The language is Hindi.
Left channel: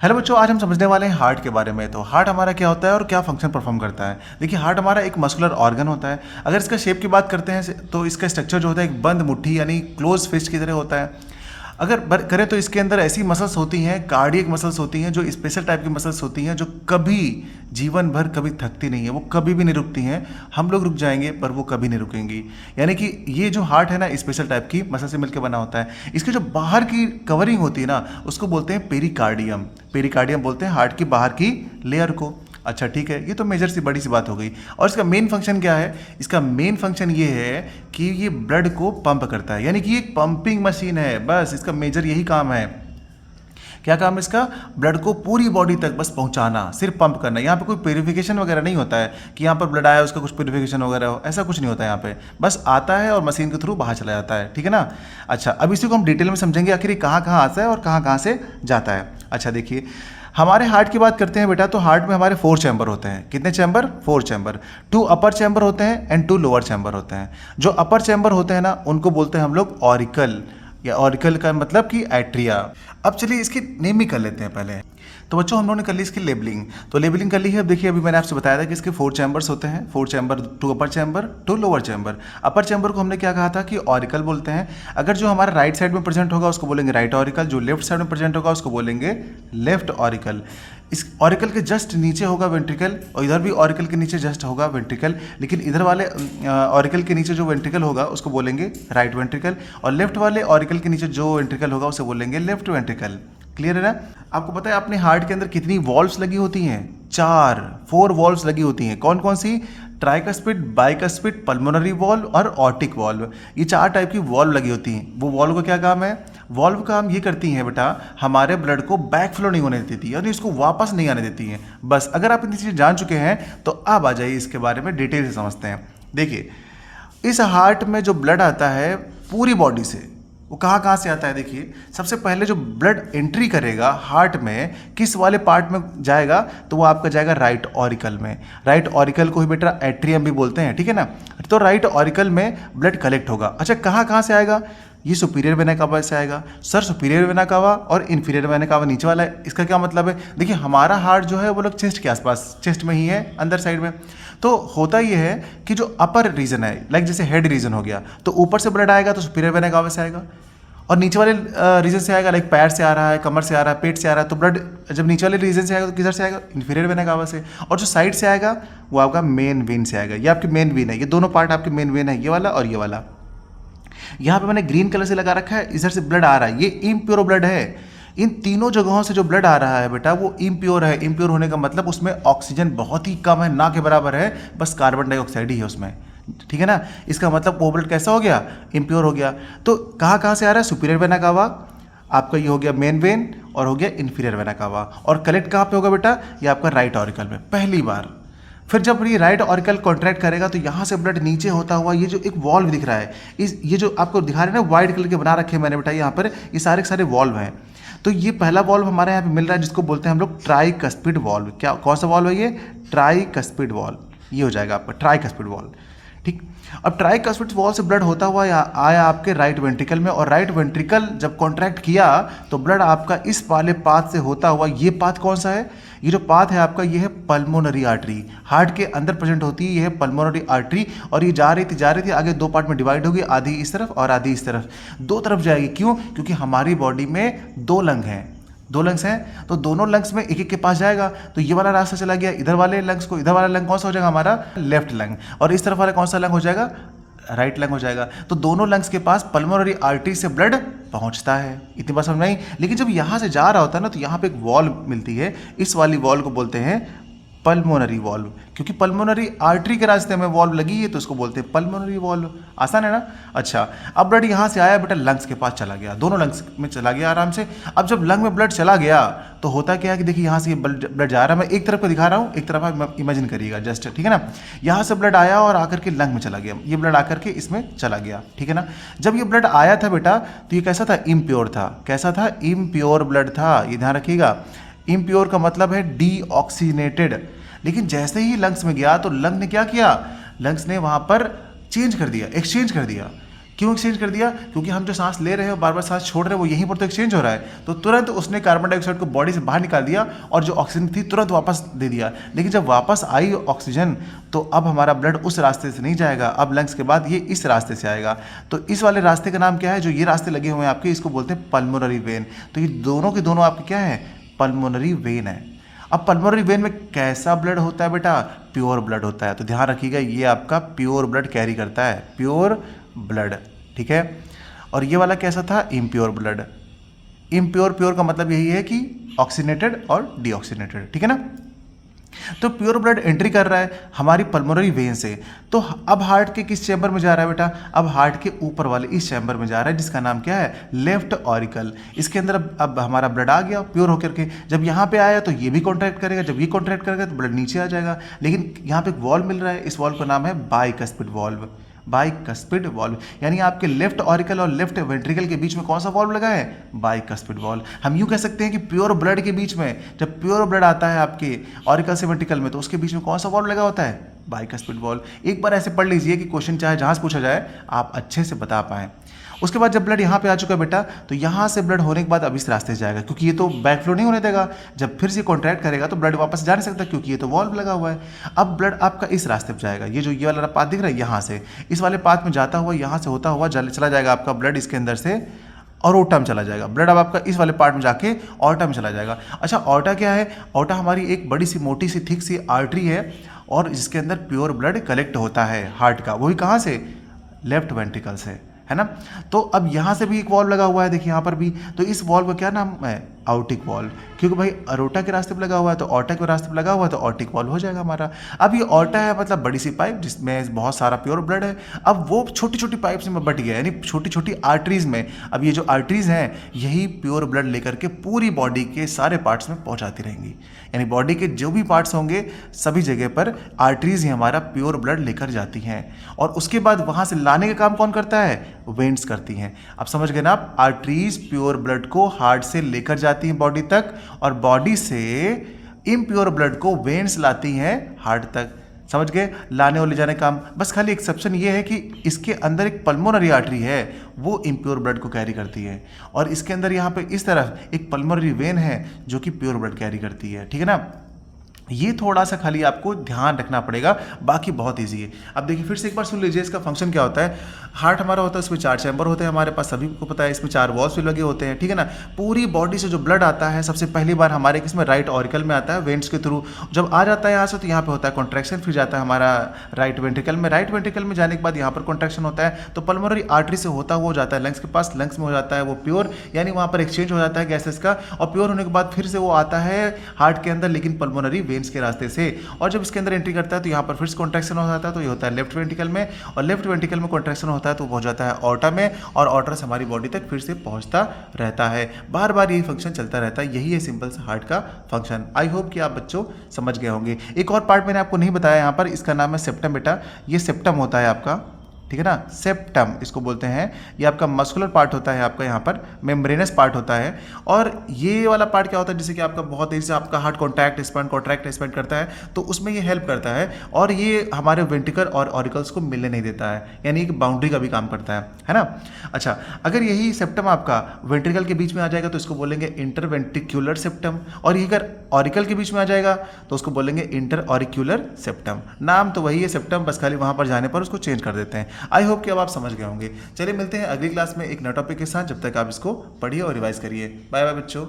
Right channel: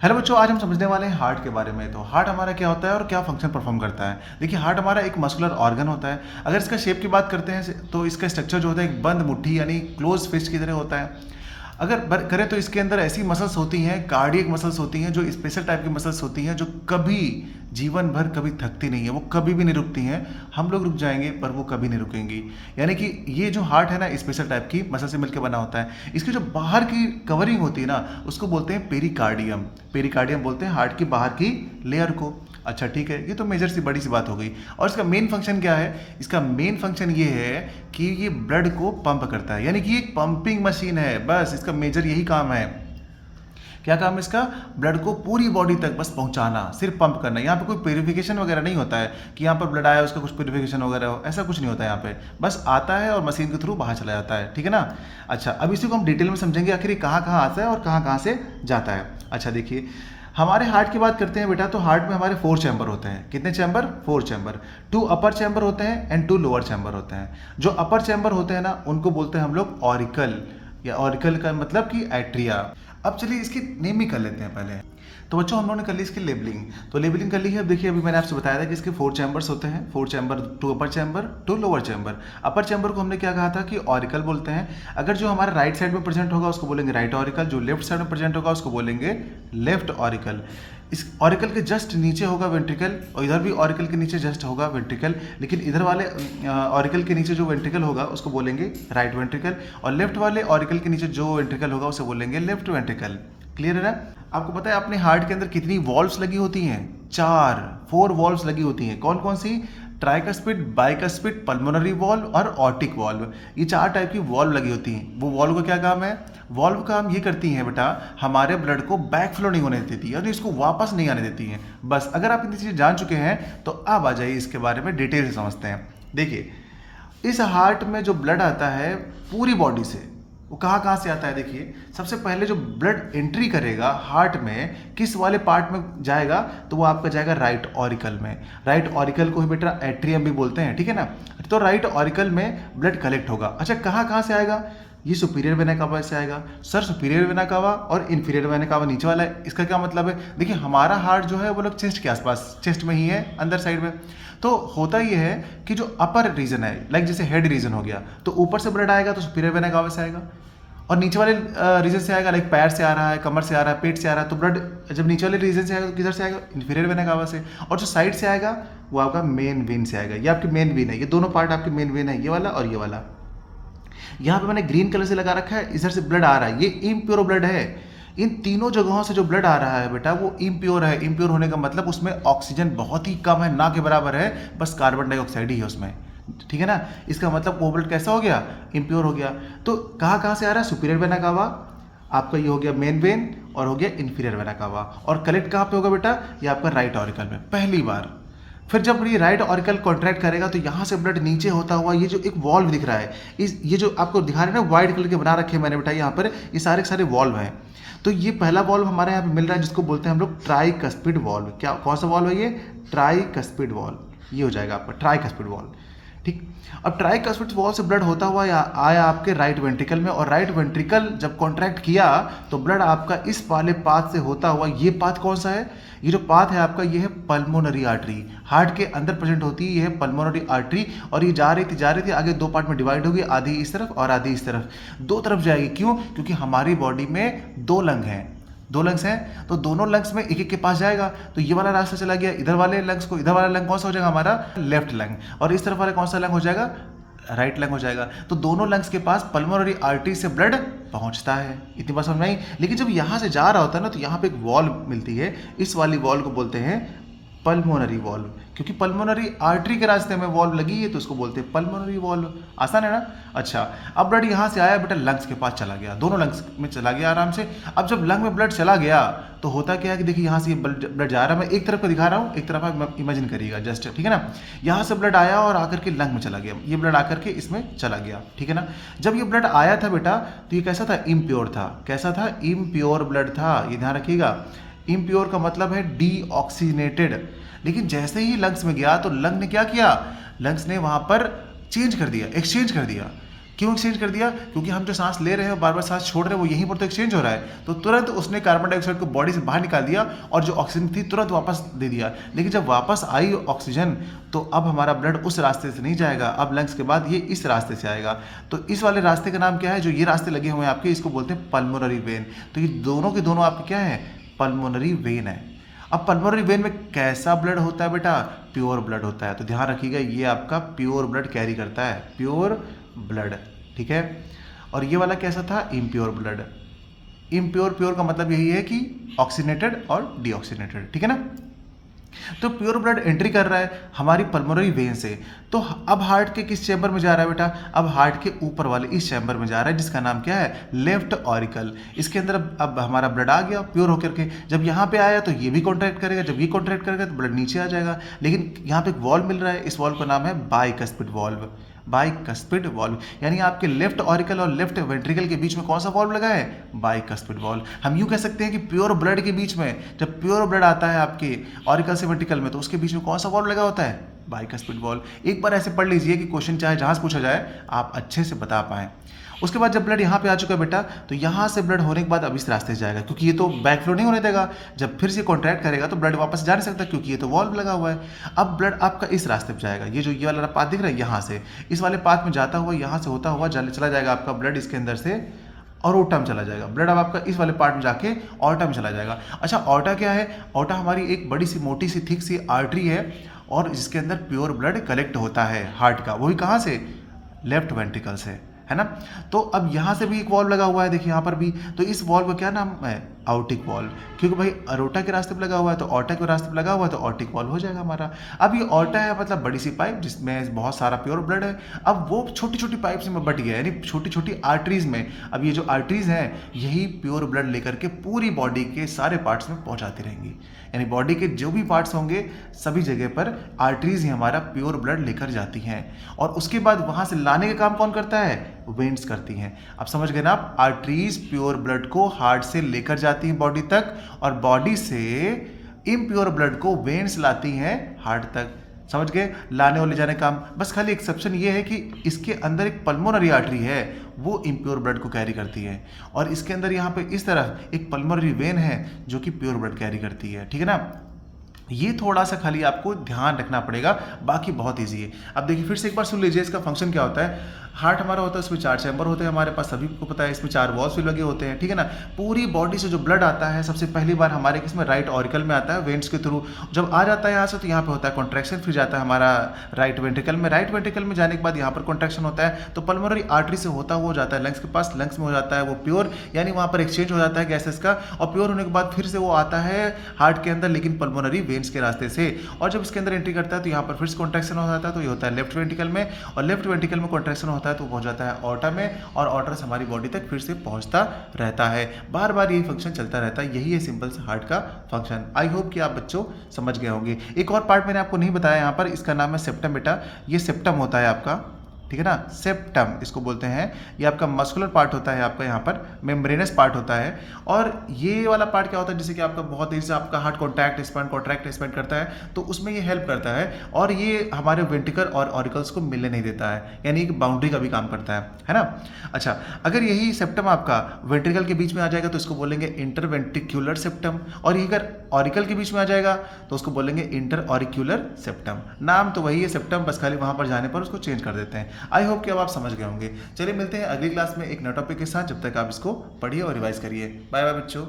हेलो बच्चों, आज हम समझने वाले हैं हार्ट के बारे में। तो हार्ट हमारा क्या होता है और क्या फंक्शन परफॉर्म करता है। देखिए, हार्ट हमारा एक मस्कुलर ऑर्गन होता है। अगर इसका शेप की बात करते हैं तो इसका स्ट्रक्चर जो होता है एक बंद मुट्ठी यानी क्लोज फिस्ट की तरह होता है। अगर करें तो इसके अंदर ऐसी मसल्स होती हैं, कार्डियक मसल्स होती हैं, जो स्पेशल टाइप की मसल्स होती हैं, जो कभी जीवन भर कभी थकती नहीं है, वो कभी भी नहीं रुकती हैं। हम लोग रुक जाएंगे पर वो कभी नहीं रुकेंगी। यानी कि ये जो हार्ट है ना, स्पेशल टाइप की मसल से मिलकर बना होता है। इसकी जो बाहर की कवरिंग होती है ना, उसको बोलते हैं पेरिकार्डियम। पेरिकार्डियम बोलते हैं हार्ट की बाहर की लेयर को। अच्छा ठीक है, ये तो मेजर सी बड़ी सी बात हो गई। और इसका मेन फंक्शन क्या है? इसका मेन फंक्शन ये है कि ये ब्लड को पंप करता है, यानी कि ये एक पंपिंग मशीन है। बस इसका मेजर यही काम है। क्या काम है इसका? ब्लड को पूरी बॉडी तक बस पहुंचाना, सिर्फ पंप करना। यहाँ पे कोई प्योरिफिकेशन वगैरह नहीं होता है कि यहाँ पर ब्लड आया उसका कुछ प्योरिफिकेशन वगैरह हो, ऐसा कुछ नहीं होता है यहाँ पे। बस आता है और मशीन के थ्रू बाहर चला जाता है। ठीक है ना? अच्छा, अब इसी को हम डिटेल में समझेंगे आखिर ये कहाँ कहाँ आता है और कहाँ कहाँ से जाता है। अच्छा देखिए, हमारे हार्ट की बात करते हैं बेटा, तो हार्ट में हमारे 4 चैम्बर होते हैं। कितने चैम्बर? 4 चैम्बर। 2 अपर चैम्बर होते हैं एंड 2 लोअर चैम्बर होते हैं। जो अपर चैम्बर होते हैं ना, उनको बोलते हैं हम लोग ऑरिकल, या ऑरिकल का मतलब कि एट्रिया। अब चलिए इसकी नेमिंग कर लेते हैं पहले। तो बच्चों, हम लोगों ने कर ली इसकी लेबलिंग। तो लेबलिंग कर ली है। अब देखिए, अभी मैंने आपसे बताया था कि इसके 4 चैम्बर्स होते हैं। 4 चैम्बर, 2 अपर चैम्बर, 2 लोअर चैम्बर। अपर चैम्बर को हमने क्या कहा था कि ऑरिकल बोलते हैं। अगर जो हमारा राइट साइड में प्रेजेंट होगा उसको बोलेंगे राइट ऑरिकल, जो लेफ्ट साइड में प्रेजेंट होगा उसको बोलेंगे लेफ्ट ऑरिकल। इस ऑरिकल के जस्ट नीचे होगा वेंट्रिकल, और इधर भी ऑरिकल के नीचे जस्ट होगा वेंट्रिकल। लेकिन इधर वाले ऑरिकल के नीचे जो वेंट्रिकल होगा उसको बोलेंगे राइट वेंट्रिकल, और लेफ्ट वाले ऑरिकल के नीचे जो वेंट्रिकल होगा उसे बोलेंगे लेफ्ट वेंट्रिकल। क्लियर है ना? आपको पता है अपने हार्ट के अंदर कितनी वॉल्व्स लगी होती हैं? 4 वॉल्व्स लगी होती हैं। कौन कौन सी? ट्राइकस्पिड, बाइकस्पिड, पल्मोनरी वॉल्व और ऑर्टिक वॉल्व। ये 4 टाइप की वॉल्व लगी होती हैं। वो वॉल्व का क्या काम है? वॉल्व का काम ये करती हैं बेटा, हमारे ब्लड को बैक फ्लो नहीं होने देती है, यानी इसको वापस नहीं आने देती हैं। बस अगर आप इतनी चीज़ें जान चुके हैं तो अब आ जाइए इसके बारे में डिटेल से समझते हैं। देखिए, इस हार्ट में जो ब्लड आता है पूरी बॉडी से, वो कहाँ कहाँ से आता है? देखिए, सबसे पहले जो ब्लड एंट्री करेगा हार्ट में, किस वाले पार्ट में जाएगा? तो वो आपका जाएगा राइट ऑरिकल में। राइट ऑरिकल को ही बेटा एट्रियम भी बोलते हैं। ठीक है ना? तो राइट ऑरिकल में ब्लड कलेक्ट होगा। अच्छा, कहाँ कहाँ से आएगा? ये सुपीरियर वेना कावा से आएगा। सर, सुपीरियर वेना कावा और इन्फीरियर वेना कावा नीचे वाला है। इसका क्या मतलब है? देखिए, हमारा हार्ट जो है वो लोग चेस्ट के आसपास, चेस्ट में ही है, अंदर साइड में। तो होता ये है कि जो अपर रीजन है, लाइक जैसे हेड रीजन हो गया, तो ऊपर से ब्लड आएगा तो सुपीरियर वेना कावा से आएगा, और नीचे वाले रीजन से आएगा, लाइक पैर से आ रहा है, कमर से आ रहा है, पेट से आ रहा है, तो ब्लड जब नीचे वाले रीजन से आएगा तो किधर से आएगा? इन्फीरियर वेना कावा से। और जो साइड से आएगा वो आपका मेन वेन से आएगा। ये आपकी मेन वेन है। ये दोनों पार्ट आपकी मेन वेन है, ये वाला और ये वाला। यहाँ पे मैंने ग्रीन कलर से लगा रखा है, इधर से ब्लड आ रहा है, ये इम्प्योर ब्लड है। इन तीनों जगहों से जो ब्लड आ रहा है बेटा वो इम्प्योर है। इम्प्योर होने का मतलब उसमें ऑक्सीजन बहुत ही कम है, ना के बराबर है, बस कार्बन डाइऑक्साइड ही है उसमें। ठीक है ना? इसका मतलब वो ब्लड कैसा हो गया? इम्प्योर हो गया। तो कहाँ कहाँ से आ रहा है? सुपीरियर वेना कावा, आपका ये हो गया मेन वेन, और हो गया इन्फीरियर वेना कावा। और कलेक्ट कहाँ पे होगा बेटा? ये आपका राइट ऑरिकल में पहली बार। फिर जब ये राइट ऑरिकल कॉन्ट्रैक्ट करेगा तो यहाँ से ब्लड नीचे होता हुआ, ये जो एक वॉल्व दिख रहा है, इस ये जो आपको दिखा रहे हैं ना, वाइट कलर के बना रखे हैं मैंने बेटा यहाँ पर, ये सारे के सारे वॉल्व हैं। तो ये पहला वॉल्व हमारे यहाँ पे मिल रहा है जिसको बोलते हैं हम लोग ट्राइकस्पिड वॉल्व। क्या, कौन सा वॉल्व है ये? Tricuspid valve. ये हो जाएगा आपका ट्राइकस्पिड वॉल्व। ठीक। अब ट्राइकस्पिड वॉल से ब्लड होता हुआ आया आपके राइट वेंट्रिकल में, और राइट वेंट्रिकल जब कॉन्ट्रैक्ट किया तो ब्लड आपका इस वाले पाथ से होता हुआ, ये पाथ कौन सा है? ये जो पाथ है आपका, ये है पल्मोनरी आर्टरी। हार्ट के अंदर प्रेजेंट होती है, ये है पल्मोनरी आर्टरी। और ये जा रही थी आगे 2 पार्ट में डिवाइड होगी, आधी इस तरफ और आधी इस तरफ। 2 तरफ जाएगी। क्यों? क्योंकि हमारी बॉडी में 2 लंग हैं, 2 लंग्स हैं, तो दोनों लंग्स में एक एक के पास जाएगा। तो ये वाला रास्ता चला गया इधर वाले लंग्स को, इधर वाला लंग कौन सा हो जाएगा हमारा? Left lung. और इस तरफ वाला कौन सा लंग हो जाएगा? राइट लंग हो जाएगा। तो दोनों लंग्स के पास पल्मोनरी आर्टरी से ब्लड पहुंचता है। इतनी बात समझ में आई? लेकिन जब यहाँ से जा रहा होता है ना, तो यहाँ पे एक वॉल्व मिलती है, इस वाली वॉल्व को बोलते हैं पल्मोनरी वॉल्व। क्योंकि पल्मोनरी आर्टरी के रास्ते में वॉल्व लगी है तो इसको बोलते हैं पल्मोनरी वॉल्व। आसान है ना? अच्छा, अब ब्लड यहाँ से आया बेटा, लंग्स के पास चला गया, दोनों लंग्स में चला गया आराम से। अब जब लंग में ब्लड चला गया तो होता क्या है कि देखिए, यहाँ से ब्लड जा रहा है, मैं एक तरफ को दिखा रहा हूँ, एक तरफ आप इमेजिन करिएगा जस्ट। ठीक है ना? यहाँ से ब्लड आया और आकर के लंग में चला गया, ये ब्लड आकर के इसमें चला गया। ठीक है ना? जब ये ब्लड आया था बेटा तो ये कैसा था? इम्प्योर था। कैसा था? इम्प्योर ब्लड था। ये ध्यान रखिएगा, इम्प्योर का मतलब है डीऑक्सीजनेटेड। लेकिन जैसे ही लंग्स में गया तो लंग ने क्या किया? लंग्स ने वहाँ पर चेंज कर दिया, एक्सचेंज कर दिया। क्यों एक्सचेंज कर दिया? क्योंकि हम जो सांस ले रहे हैं बार बार सांस छोड़ रहे हैं वो यहीं पर तो एक्सचेंज हो रहा है, तो तुरंत उसने कार्बन डाइऑक्साइड को बॉडी से बाहर निकाल दिया और जो ऑक्सीजन थी तुरंत वापस दे दिया। लेकिन जब वापस आई ऑक्सीजन तो अब हमारा ब्लड उस रास्ते से नहीं जाएगा, अब लंग्स के बाद ये इस रास्ते से आएगा। तो इस वाले रास्ते का नाम क्या है? जो ये रास्ते लगे हुए हैं आपके, इसको बोलते हैं पल्मोनरी वेन। तो ये दोनों के दोनों आपके क्या है? पल्मोनरी वेन है। अब पल्मोनरी वेन में कैसा ब्लड होता है बेटा? प्योर ब्लड होता है। तो ध्यान रखिएगा ये आपका प्योर ब्लड कैरी करता है, प्योर ब्लड, ठीक है। और ये वाला कैसा था? Impure blood. इम्प्योर, प्योर का मतलब यही है कि ऑक्सीनेटेड और डीऑक्सीनेटेड, ठीक है ना। तो प्योर ब्लड एंट्री कर रहा है हमारी पल्मोनरी वेन से। तो अब हार्ट के किस चैम्बर में जा रहा है बेटा? अब हार्ट के ऊपर वाले इस चैम्बर में जा रहा है जिसका नाम क्या है? Left auricle. इसके अंदर अब हमारा ब्लड आ गया प्योर होकर के। जब यहाँ पे आया तो ये भी कॉन्ट्रैक्ट करेगा, जब ये कॉन्ट्रैक्ट करेगा तो ब्लड नीचे आ जाएगा। लेकिन यहाँ पे एक वॉल्व मिल रहा है, इस वॉल्व का नाम है बाइकस्पिड वॉल्व। बाइकस्पिड वॉल्व यानी आपके लेफ्ट ऑरिकल और लेफ्ट वेंट्रिकल के बीच में कौन सा वॉल्व लगा है? Bicuspid valve. हम यूँ कह सकते हैं कि प्योर ब्लड के बीच में, जब प्योर ब्लड आता है आपके ऑरिकल से वेंट्रिकल में, तो उसके बीच में कौन सा वॉल्व लगा होता है? Bicuspid valve. एक बार ऐसे पढ़ लीजिए कि क्वेश्चन चाहे जहाँ से पूछा जाए आप अच्छे से बता पाएँ। उसके बाद जब ब्लड यहाँ पे आ चुका है बेटा, तो यहाँ से ब्लड होने के बाद अब इस रास्ते से जाएगा, क्योंकि ये तो बैक फ्लो नहीं होने देगा। जब फिर से कॉन्ट्रैक्ट करेगा तो ब्लड वापस जा नहीं सकता, क्योंकि ये तो वॉल्व लगा हुआ है। अब ब्लड आपका इस रास्ते पे जाएगा, ये जो ये वाला पाथ दिख रहा है यहाँ से, इस वाले पाथ में जाता हुआ यहाँ से होता हुआ चला जाएगा आपका ब्लड इसके अंदर से और ओटा में चला जाएगा। ब्लड अब आपका इस वाले पार्ट में जाके ऑर्टा में चला जाएगा। अच्छा, ऑर्टा क्या है? ऑर्टा हमारी एक बड़ी सी मोटी सी थिक सी आर्टरी है और जिसके अंदर प्योर ब्लड कलेक्ट होता है हार्ट का। वही कहाँ से? लेफ्ट वेंट्रिकल से, है ना। तो अब यहाँ से भी एक वॉल्व लगा हुआ है, देखिए यहाँ पर भी। तो इस वॉल्व का क्या नाम है? आउटिक वॉल्व। क्योंकि भाई अरोटा के रास्ते पे लगा हुआ है तो ऑर्टा के रास्ते पे लगा हुआ है तो ऑर्टिक वॉल्व हो जाएगा हमारा। अब ये ऑर्टा है मतलब बड़ी सी पाइप जिसमें बहुत सारा प्योर ब्लड है। अब वो छोटी छोटी पाइप्स में बट गया, यानी छोटी छोटी आर्टरीज में। अब ये जो आर्टरीज हैं यही प्योर ब्लड लेकर के पूरी बॉडी के सारे पार्ट्स में पहुँचाती रहेंगी। यानी बॉडी के जो भी पार्ट्स होंगे सभी जगह पर आर्टरीज ही हमारा प्योर ब्लड लेकर जाती हैं। और उसके बाद वहाँ से लाने का काम कौन करता है? वेन्स करती हैं। अब समझ गए ना आप? आर्टरीज प्योर ब्लड को हार्ट से लेकर जाती हैं बॉडी तक और बॉडी से इम्प्योर ब्लड को वेन्स लाती हैं हार्ट तक। समझ गए? लाने और ले जाने का काम। बस खाली एक्सेप्शन ये है कि इसके अंदर एक पल्मोनरी आर्टरी है, वो इम्प्योर ब्लड को कैरी करती है, और इसके अंदर यहाँ पे इस तरफ एक पल्मोनरी वेन है जो कि प्योर ब्लड कैरी करती है, ठीक है ना। ये थोड़ा सा खाली आपको ध्यान रखना पड़ेगा, बाकी बहुत इजी है। अब देखिए फिर से एक बार सुन लीजिए इसका फंक्शन क्या होता है। हार्ट हमारा होता है, उसमें 4 चैम्बर होते हैं हमारे पास, सभी को पता है। इसमें 4 वॉल्स भी लगे होते हैं, ठीक है ना। पूरी बॉडी से जो ब्लड आता है सबसे पहली बार हमारे किसमें? राइट ऑरिकल में आता है, वेन्स के थ्रू। जब आ जाता है यहाँ से तो यहाँ पे होता है कॉन्ट्रैक्शन, फिर जाता है हमारा राइट वेंट्रिकल में। राइट वेंट्रिकल में जाने के बाद यहाँ पर कॉन्ट्रैक्शन होता है तो पल्मोनरी आर्टरी से होता हुआ जाता है लंग्स के पास। लंग्स में हो जाता है वो प्योर, यानी वहाँ पर एक्सचेंज हो जाता है गैसेस का, और प्योर होने के बाद फिर से वो आता है हार्ट के अंदर, लेकिन पल्मोनरी वेन्स के रास्ते से। और जब इसके अंदर एंट्री करता है तो यहाँ पर फिर से कॉन्ट्रैक्शन हो जाता है, तो ये होता है लेफ्ट वेंट्रिकल में, और लेफ्ट वेंट्रिकल में कॉन्ट्रैक्शन होता है तो पहुँच जाता है ऑर्टा में, और ऑर्टा से हमारी बॉडी तक फिर से पहुँचता रहता है। बार बार यही फंक्शन चलता रहता है, यही है सिंपल सा हार्ट का फंक्शन। आई होप कि आप बच्चों समझ गए होंगे। एक और पार्ट मैंने आपको नहीं बताया यहाँ पर, इसका नाम है सेप्टम बेटा। ये सेप्टम होता है आपका, ठीक है ना, सेप्टम इसको बोलते हैं। ये आपका मस्कुलर पार्ट होता है, आपका यहाँ पर मेम्ब्रेनस पार्ट होता है। और ये वाला पार्ट क्या होता है, जैसे कि आपका बहुत तेजी से आपका हार्ट कॉन्ट्रैक्ट एक्सपेंड करता है, तो उसमें ये हेल्प करता है। और ये हमारे वेंट्रिकल और ऑरिकल्स को मिलने नहीं देता है, यानी एक बाउंड्री का भी काम करता है ना। अच्छा, अगर यही सेप्टम आपका वेंट्रिकल के बीच में आ जाएगा तो इसको बोलेंगे इंटरवेंट्रिक्यूलर सेप्टम, और ये अगर ऑरिकल के बीच में आ जाएगा तो उसको बोलेंगे इंटर ऑरिक्यूलर सेप्टम। नाम तो वही है सेप्टम, बस खाली वहाँ पर जाने पर उसको चेंज कर देते हैं। आई होप कि अब आप समझ गए होंगे। चलिए मिलते हैं अगली क्लास में एक नए टॉपिक के साथ, जब तक आप इसको पढ़िए और रिवाइज करिए। बाय बाय बच्चों।